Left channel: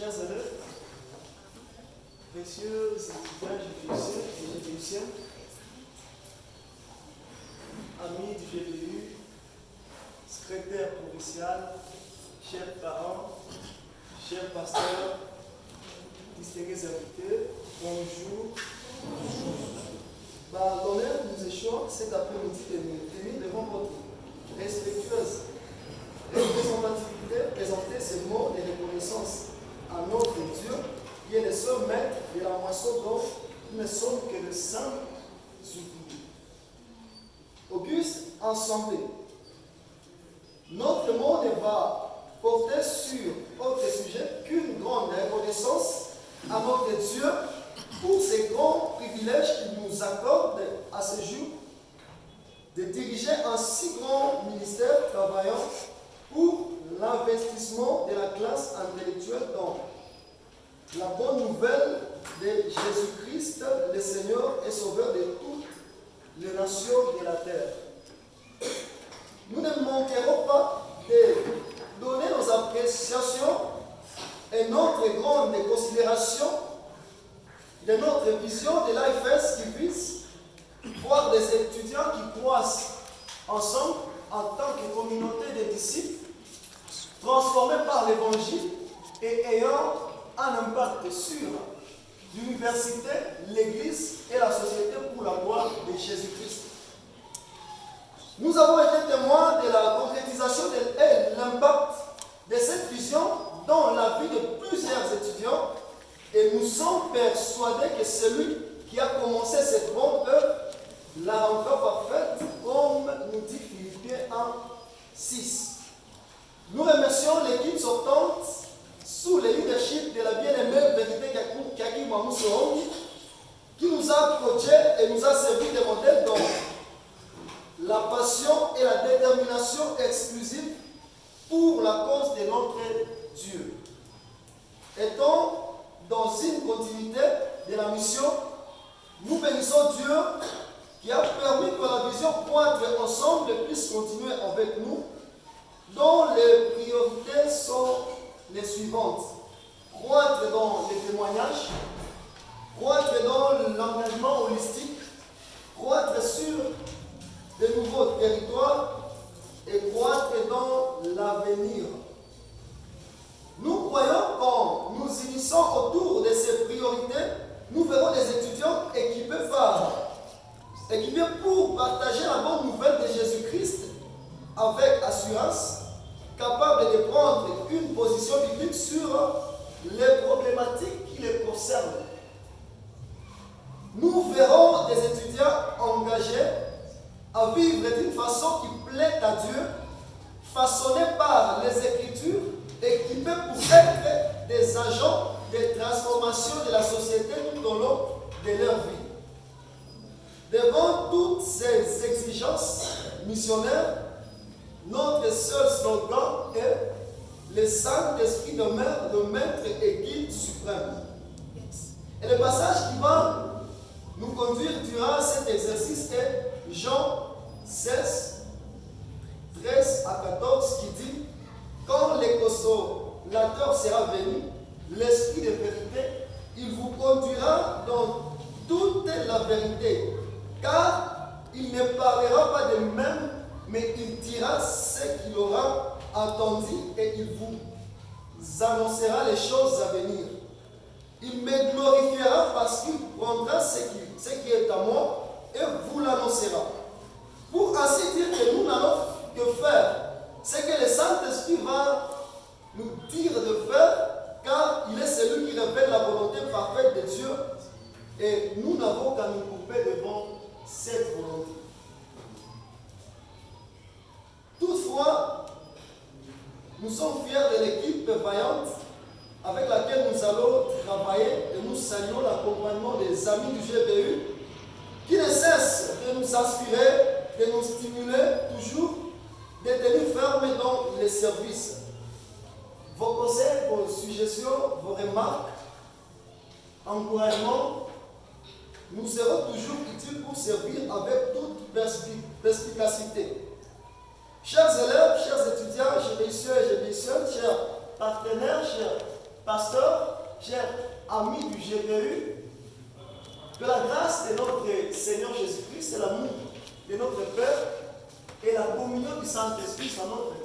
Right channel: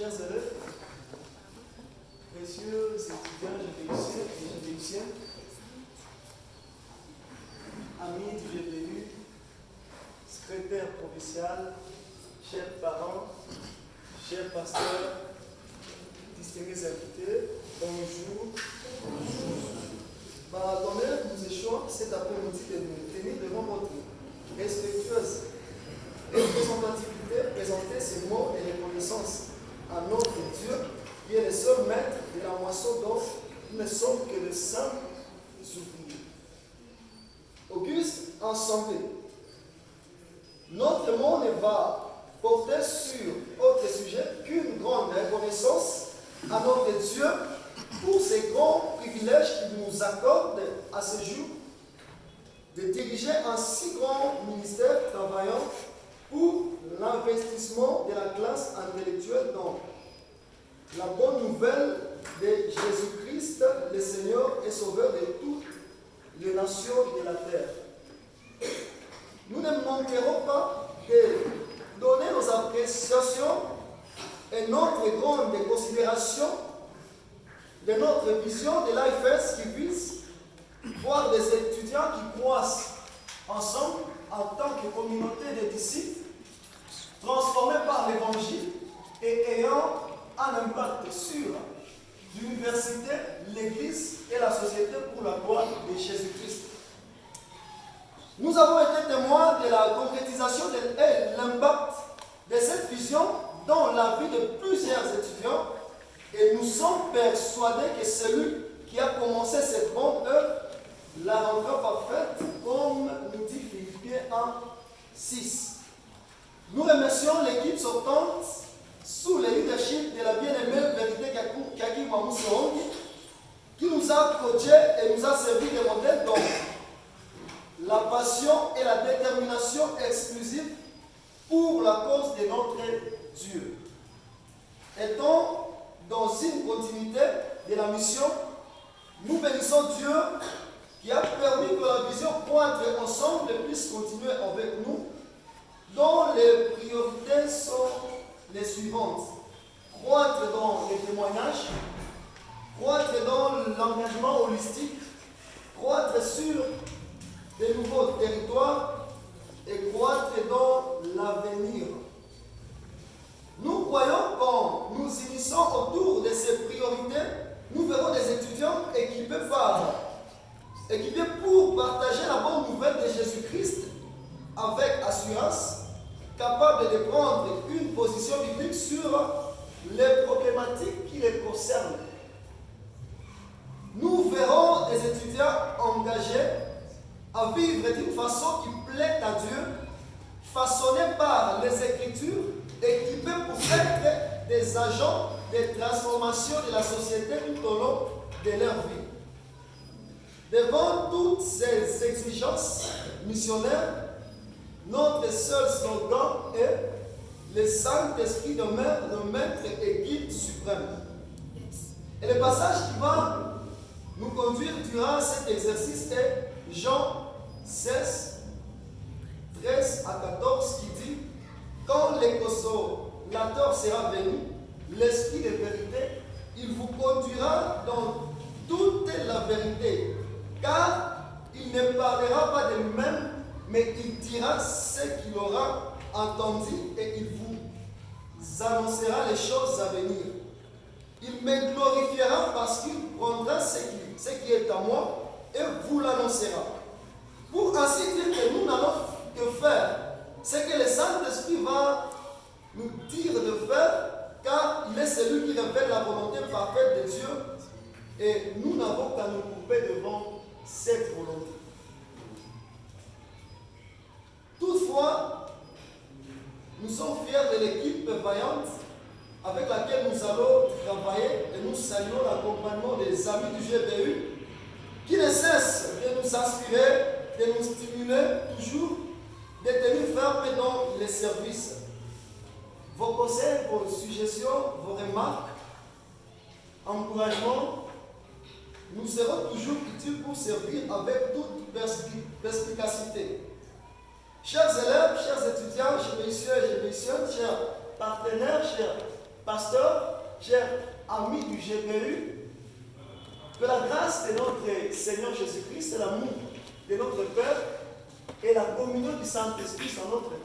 Chers élèves, précieux étudiants GPUciens, amis du GPU, secrétaire provincial, chers parents, chers pasteurs, distingués invités, bonjour. L'honneur nous échoit cet après-midi de nous tenir devant votre respectueuse représentativité, présenter ces mots de reconnaissance à notre Dieu, qui est le seul maître de la moisson dont nous ne sommes que le simple ouvriers. Auguste ensemble, notre monde va porter sur autre sujet qu'une grande reconnaissance à notre Dieu pour ces grands privilèges qu'il nous accorde à ce jour de diriger un si grand ministère travaillant pour l'investissement de la classe intellectuelle dans la bonne nouvelle de Jésus-Christ, le Seigneur et Sauveur de toutes les nations de la terre. Nous ne manquerons pas de donner nos appréciations et notre grande considération de notre vision de l'AFS qui vise voir des étudiants qui croissent ensemble en tant que communauté de disciples transformés par l'Évangile et ayant un impact sur l'université, l'Église et la société pour la gloire de Jésus-Christ. Nous avons été témoins de la concrétisation et l'impact de cette vision dans la vie de plusieurs étudiants et nous sommes persuadés que celui qui a commencé cette bonne œuvre la rendra parfaite, comme nous dit Philippiens 1, 6. Nous remercions l'équipe sortante sous le leadership de la bien-aimée vérité Kaki Mamoussorongi qui nous a approché et nous a servi de modèle dans la passion et la détermination exclusive pour la cause de notre Dieu. Étant dans une continuité de la mission, nous bénissons Dieu qui a permis que la vision croître ensemble puisse continuer avec nous, dont les priorités sont les suivantes. Croître dans les témoignages, croître dans l'engagement holistique, croître sur de nouveaux territoires et croître dans l'avenir. Nous croyons qu'en nous unissant autour de ces priorités, nous verrons des étudiants équipés pour partager la bonne nouvelle de Jésus-Christ avec assurance, capables de prendre une position biblique sur les problématiques qui les concernent. Nous verrons des étudiants engagés à vivre d'une façon qui plaît à Dieu, façonnés par les Écritures, équipés pour être des agents de transformation de la société tout au long de leur vie. Devant toutes ces exigences missionnaires, notre seul slogan est « Le Saint-Esprit demeure le maître et guide suprême ». Et le passage qui va nous conduire durant cet exercice est Jean 16, 13 à 14 qui dit « Quand le consolateur sera venu, l'Esprit de vérité, il vous conduira dans toute la vérité, car il ne parlera pas de même, mais il dira ce qu'il aura entendu et il vous annoncera les choses à venir. Il me glorifiera parce qu'il prendra ce qui est à moi et vous l'annoncera. Pour ainsi dire que nous n'allons que faire ce que le Saint-Esprit va nous dire de faire, car il est celui qui révèle la volonté parfaite de Dieu et nous n'avons qu'à nous couper devant cette volonté. Toutefois, nous sommes fiers de l'équipe vaillante avec laquelle nous allons travailler et nous saluons l'accompagnement des amis du GPU qui ne cessent de nous inspirer, de nous stimuler toujours, de tenir ferme dans les services. Vos conseils, vos suggestions, vos remarques, encouragements, nous serons toujours utiles pour servir avec toute perspicacité. Chers élèves, chers étudiants, GPUciens et GPUciennes, chers partenaires, chers pasteurs, chers amis du GPU, que la grâce de notre Seigneur Jésus-Christ, l'amour de notre Père et la communion du Saint-Esprit soit notre